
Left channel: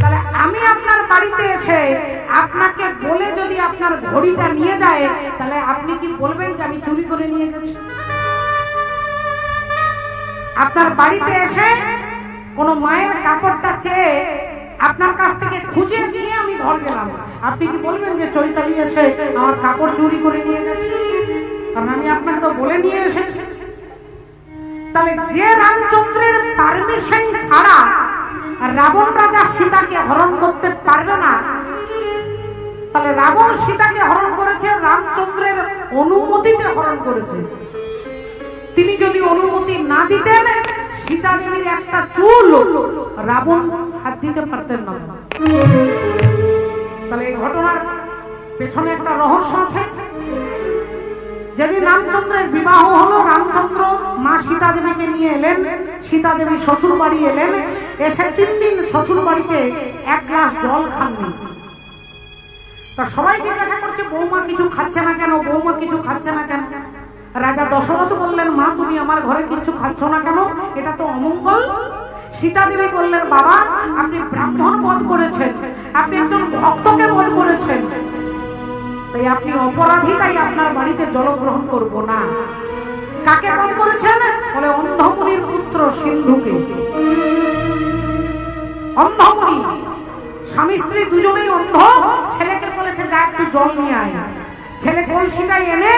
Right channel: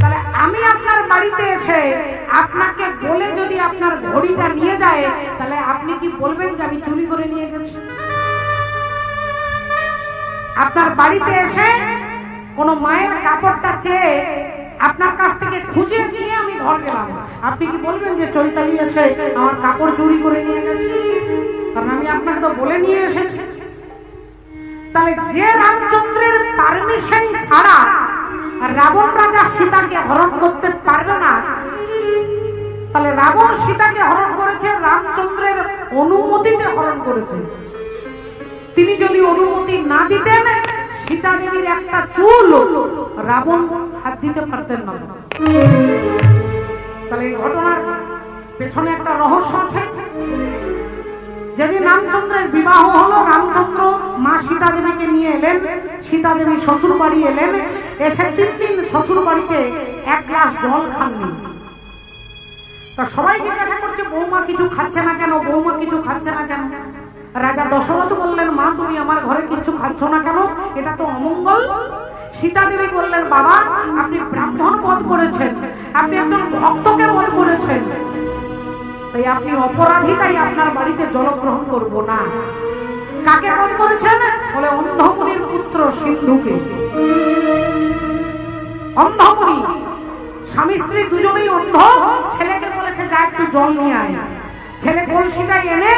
তাহলে আমি আপনার বাড়িতে এসে আপনাকে বলে যদি আপনার ঘড়িটা নিয়ে যায়, তাহলে আপনি কি বলবেন যে আমি চুরি করে নিয়ে গেছি? আপনার বাড়িতে এসে কোন মায়ের কাপড়টা চেয়ে আপনার কাছ থেকে খুঁজে নিয়ে আমি ঘর গেলাম, আপনি কি বলবেন যে চৈতালি এসে আমার কাপড় চুরি করে নিয়ে গেছে? কারণ আমি আপনাকে তো বলে নিয়ে এসেছি। তাহলে যে রামচন্দ্রের পারমিশন ছাড়া রাবণ রাজা সীতাকে হরণ করতে পারবে না, তাহলে রাবণ সীতাকে হরণ করেছে রামচন্দ্রের অনুমতিতে হরণ করেছে। তিনি যদি অনুমতি না দিতেন, সীতা দেবীর একটা চুল রাবণ হাত দিতে পারতেন না। তাহলে এই ঘটনার পেছনে একটা রহস্য আছে। যেদিন রামচন্দ্রের বিবাহ হলো, রামচন্দ্র মা সীতা দেবীকে নিয়ে এলেন, সীতা দেবী শ্বশুর বাড়ি এলেন, এসে 3 দিন শ্বশুর বাড়িতে এক গ্লাস জল খাননি। তা সবাই জিজ্ঞাসা করছে, বৌমা কিছু খাচ্ছে না কেন, বৌমা কিছু খাচ্ছে না কেন? রাজা দশরথ বললেন, মা তুমি আমার ঘরে কিছু খাচ্ছ না কেন, এটা তো অমঙ্গল। সীতা দেবী বললেন, বাবা আপনি ব্রাহ্মণ বধ করেছেন, আপনি একজন ভক্তকে বধ করেছেন, তাই আপনি অপরাধী, তাই আপনার বাড়িতে জল গ্রহণ করব না। কাকে বধ করেছেন? বলে অন্ধমুনির পুত্র সিন্ধুকে। অন্ধমুনি, স্বামী স্ত্রী দুজনেই অন্ধ। ছেলেকে বলেছে, যা একটু জল নিয়ে আয়। ছেলে কলসিটা এনে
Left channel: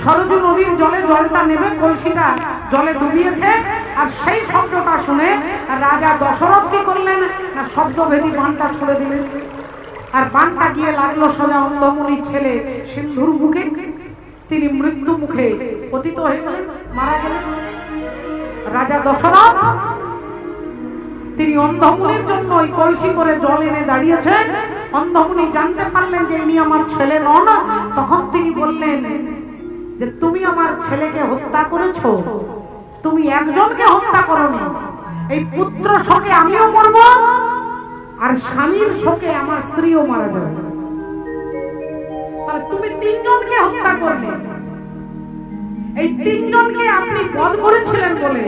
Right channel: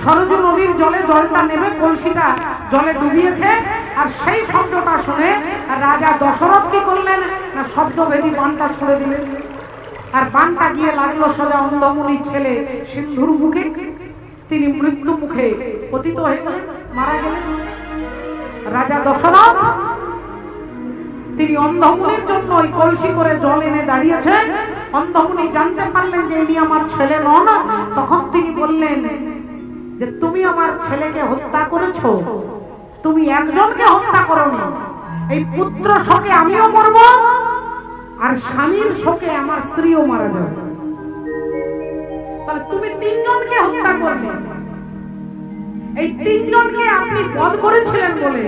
সরজু নদীর জলে জলটা নেবে, কলসিটা জলে ডুবিয়েছে। আর সেই শব্দটা শুনে রাজা দশরথ কি করলেন না, শব্দভেদী বানটা ছুড়ে দিলেন। আর বানটা গিয়ে লাগলো সোজা অন্ধমুনির ছেলে সিন্ধুর বুকে। তিনি মৃত্যু মুখে পতিত হয়ে গেলেন, মারা গেলেন। রাজা দশরথ তিনি অন্ধমুনির জন্য ওই কলসি করে জল এনে দাঁড়িয়েছে। অন্ধমুনি জানতে পারলেন যে ইনি আমার ছেলে নন। তখন তিনি বললেন যে তুমি আমার ছেলেকে হত্যা করেছো, তুমি একজনকে হত্যা করোনি। এই পুত্র শোকে আমিও মরব, আর স্বামীর শোকে আমার স্ত্রীও মারা যাবে। তাহলে তুমি 3 জনকে হত্যা করলে। এই 3 জনকে আপনি বধ করেছিলেন বলে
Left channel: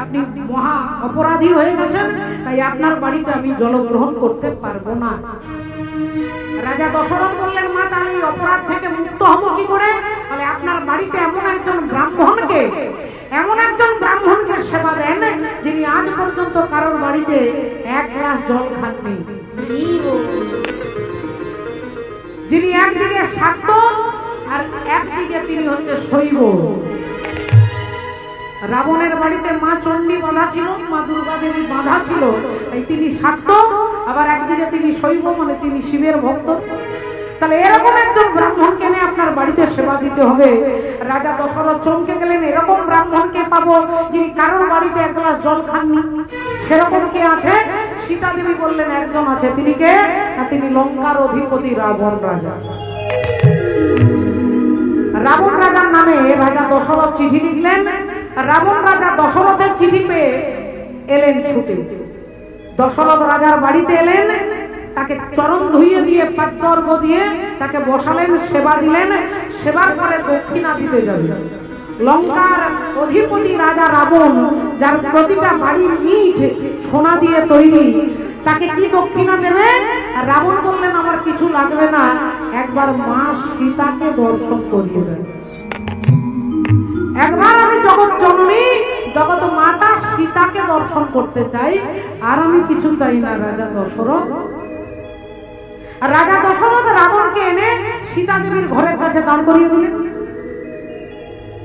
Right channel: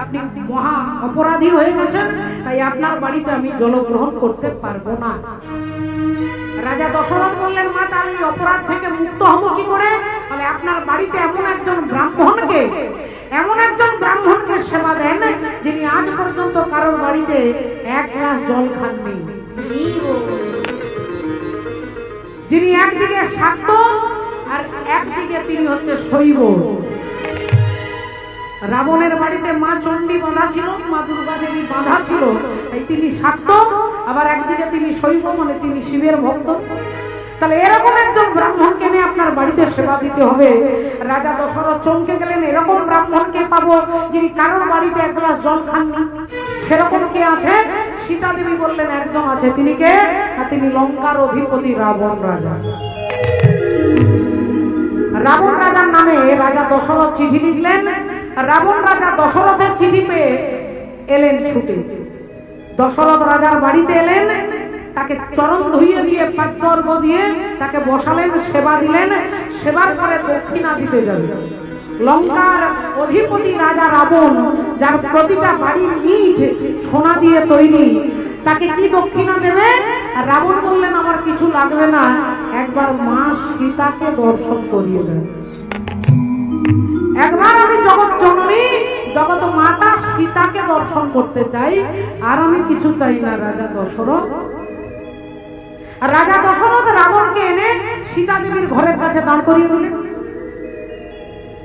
আপনি মহা অপরাধী হয়ে গেছেন, তাই আপনার বাড়িতে আমি জলগ্রহণ করতে পারবো না। রাজা দশরথ বললেন, মা তাহলে এই অপরাধ থেকে মুক্ত হব কি করে? বলে আপনার বাড়িতে এমন একজন ব্রাহ্মণকে সেবা দেন যিনি আজ পর্যন্ত কারোর বাড়িতে এক গ্লাস জল খাননি, যিনি একদিকে শাক্ত আর একদিকে তিনি হচ্ছে শৈব। রাবণের বাড়িতে মা চণ্ডী বাঁধা ছিল, মা দুর্গা দেবী বাঁধা ছিল, তাই তিনি শাক্ত, আবার একদিকে তিনি শৈব, মানে তিনি শিবের ভক্ত। তাহলে এরকম একজন ব্রাহ্মণকে নিয়ে আপনার বাড়িতে সেবা দিতে হবে। রাজা দশরথ চমকে গেলেন, এরকম ব্রাহ্মণকে পাবো যিনি কারোর বাড়িতে এক গ্লাস জল খাননি? সেরকম কে আছে? সীতা দেবী বললেন, একজন আছে। তিনি কে? তিনি লঙ্কার অধিপতি রাবণ রাজা। রাবণ রাজার নামে রাজা দশরথ চিঠি লিখলেন। রাবণ রাজা দশরথের চিঠি পেয়ে এলেন ছুটে, দশরথ রাজার বাড়িতে এলেন, তাকে চরণ ধুইয়ে দিয়ে পাদ্যর্ঘ্য দিয়ে তাকে বসালেন, সেবা দিলেন। সেবার পরে দক্ষিণা দিতে যাবেন। লঙ্কার অধিপতি রাজা রাবণ, যার প্রতিটা বাড়ির ইট সোনা দিয়ে তৈরি, তাকে কি দক্ষিণা দেবে? রাবণ বললেন, আমার কিছু লাগবে না, একবার মা সীতাকে দর্শন করিয়ে দেয়। একবার আমি জগৎ জননী জগৎ মাতা সীতাকে দর্শন করতে চাই, আর আমি কিছু চাই না। রাজা দশরথ রাবণকে এনে সীতা দেবীর ঘরের কাছে দাঁড় করিয়ে দিলেন।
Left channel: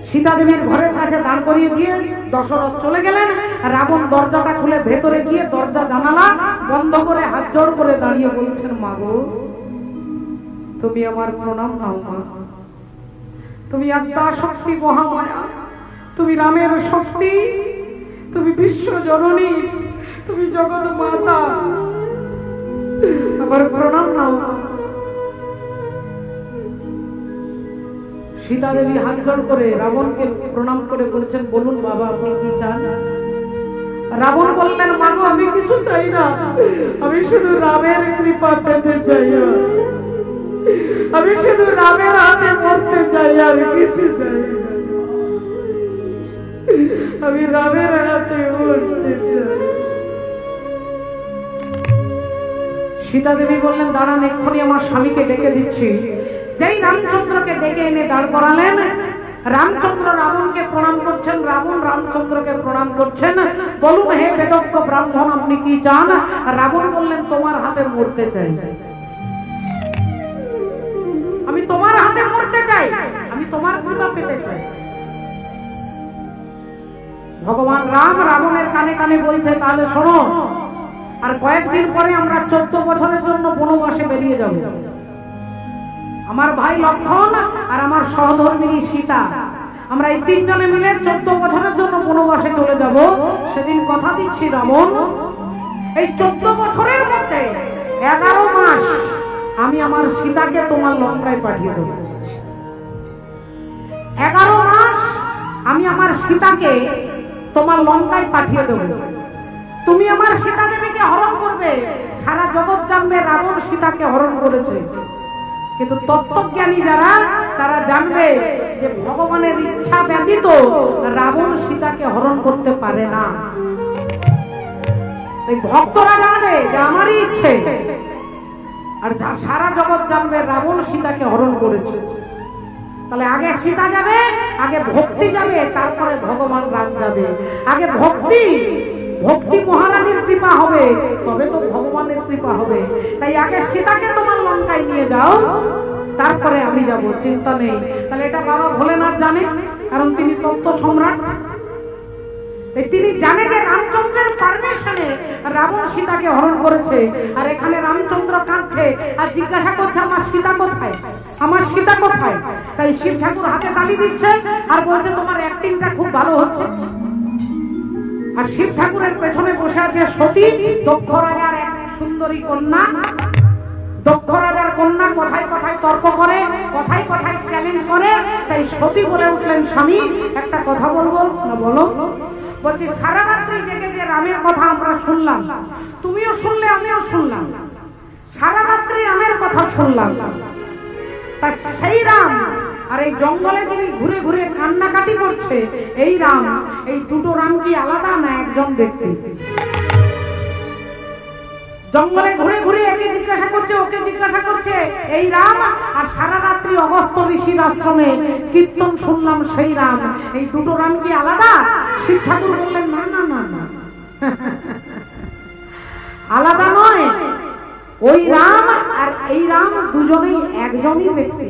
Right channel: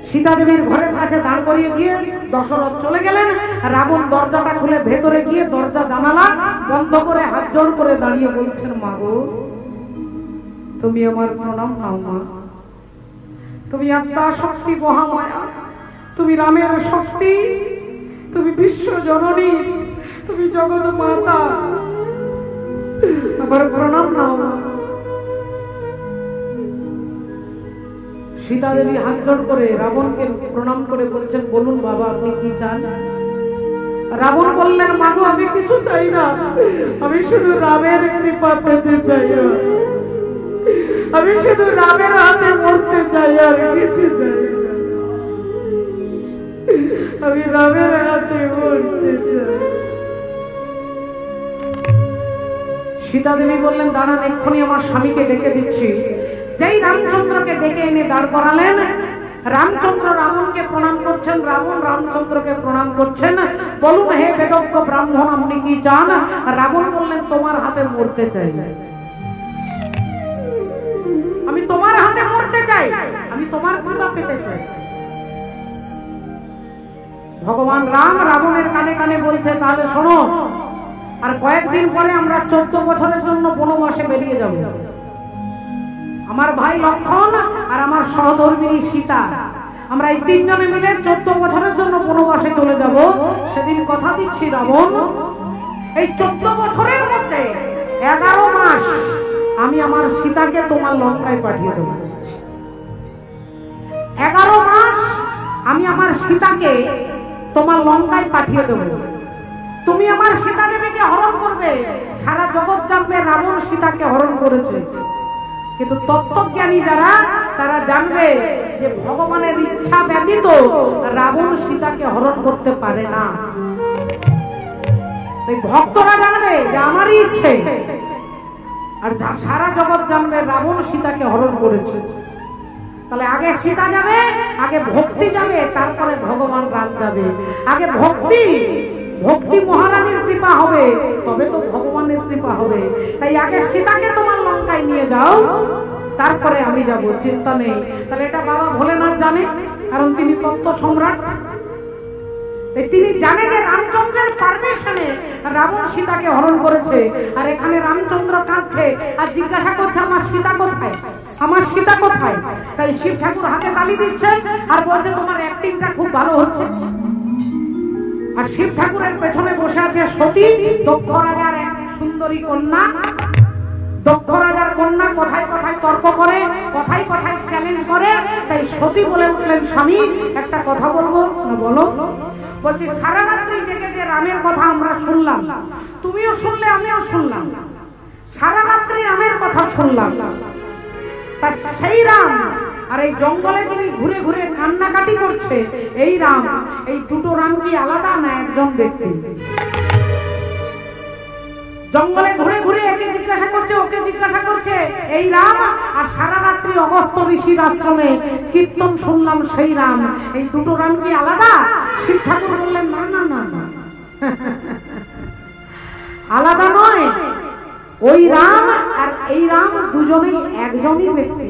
সীতা দেবীর ঘরের কাছে দাঁড় করিয়ে দিয়ে দশরথ চলে গেলেন। রাবণ দরজাটা খুলে ভেতরে গিয়ে দরজা জানালা বন্ধ করে হাত জোড় করে দাঁড়িয়ে বলছেন, মা গো, তুমি আমার প্রণাম নাও মা। তুমি আত্মা শক্তি মহামায়া, তুমি রামের শক্তি, তুমি বিশ্ব জননী, তুমি জগৎ মাতা, আবার প্রণাম নাও মা। সীতা দেবী হাত জোড় করে রাবণকে প্রণাম করে বলছেন, বলুন বাবা, আপনি কি চান? রাবণ বললেন, মা গো, আমি কিছু চাই না, আমি শুধু রামের কৃপা পেতে চাই, আমি শুধু রামের হাতে মরতে চাই, আর কিছু চাই না, আমি রামের হাতে মরতে চাই। সীতা দেবী বললেন, দাঁড়ান, এক্ষুনি আমার স্বামীকে ডেকে দিচ্ছি। যেই রামচন্দ্রকে ডেকে এনে দাঁড় করালেন, রামচন্দ্র রাবণকে প্রণাম করছেন, রাবণ রামচন্দ্রকে প্রণাম করছেন। বলুন হে বেদজ্ঞ ব্রাহ্মণ, আপনি কি চান? রাবণ বললেন, তোমার হাতে মরতে চাই, আমি তোমার হাতে মরতে চাই, আমি তোমার কৃপা পেতে চাই। ভগবান রাম রাবণের কানে কানে বলছে, তাহলে শোনো, আর কয়েকদিন পরে আমরা 14 বছরের জন্য বনবাসে বেরিয়ে যাব। আমার ভাই লক্ষণ আর আমার সহধর্মিণী সীতা, আমরা এই 3 জনে মিলে 14 বছরের জন্য বনবাসে চলে যাব। সেদিন কথা দিচ্ছি রাবণ, এই 14 বছরের মধ্যে 11 মাস আমি আমার সীতাকে তোমার লঙ্কায় পাঠিয়ে দেব। 11 মাস আমি আমার সীতাকে তোমার লঙ্কায় পাঠিয়ে দেব। তুমি আমার সীতা দেবীকে হরণ করবে, সারা জগৎ জানবে রাবণ সীতাকে হরণ করেছে। কিন্তু তত্ত্বজ্ঞানী যারা, তারা জানবে যে ভগবানের ইচ্ছা ব্যতীত রাবণ সীতাকে হরণ করতে পারে না। এই ভক্তরা জানবে যে আমারই ইচ্ছে, আর সারা জগৎ জানবে রাবণ সীতাকে হরণ করেছে। তাহলে আগে সীতা যাবে, আগে ভক্তি যাবে, তারপরে ভগবান রাম যাবে। আগে ভক্তি মহারানীর কৃপা হবে, তবে তো ভগবানের কৃপা হবে। তাই আগে সীতাকে তোমার লঙ্কায় নিয়ে যাও, তারপরে আমি যাব, চিন্তা নেই। তাহলে এটা বাবা ভোলেনাথ জানে, কারণ তিনি তত্ত্ব সম্রাট। তিনি জানে যে রামচন্দ্রের পারমিশনে রাবণ সীতাকে হরণ করেছে। আর এখানে রামচন্দ্র কাঁদছে আর জিজ্ঞাসা করছে, আমার সীতা কোথায়, আমার সীতা কোথায়? তাই শিব ঠাকুর হাতে তালি দিচ্ছে আর বলছে, তোমার অ্যাক্টিংটা খুব ভালো হচ্ছে। আর শিব ঠাকুরের পেছনে বসে আছে সতী, দক্ষ রাজার এক সুন্দরী কন্যা। দক্ষ রাজার কন্যা কথায় কথায় তর্ক করে, কথায় কথায় চ্যালেঞ্জ করে। তাই সতী বলে উঠলেন, স্বামী একটা কথা বলবো। না, বলো। বলছি, সারা রাত্রি জেগে যে রামের কথা আমরা শুনলাম, তুমিও শুনলে, আমিও শুনলাম, সারা রাত্রি রামের কথা শুনলাম। তা সেই রাম আর এই জঙ্গলে যিনি ঘুরে ঘুরে কান্নাকাটি করছে, এই রাম, এই দুটো রাম কি আলাদা না একজন ব্যক্তি? জঙ্গলে ঘুরে ঘুরে একে জিজ্ঞাসা করছে, ওকে জিজ্ঞাসা করছে, এই রাম, আর সারা রাত্রি অগস্ত্য ঋষির আশ্রমে কীর্তন শুনলাম সেই রাম। এই দুটো রাম কি আলাদা? শিব ঠাকুর বললেন, না না না না, আলাদা নয়। ওই রাম আর এই রাম দুজনেই একজনই ব্যক্তি।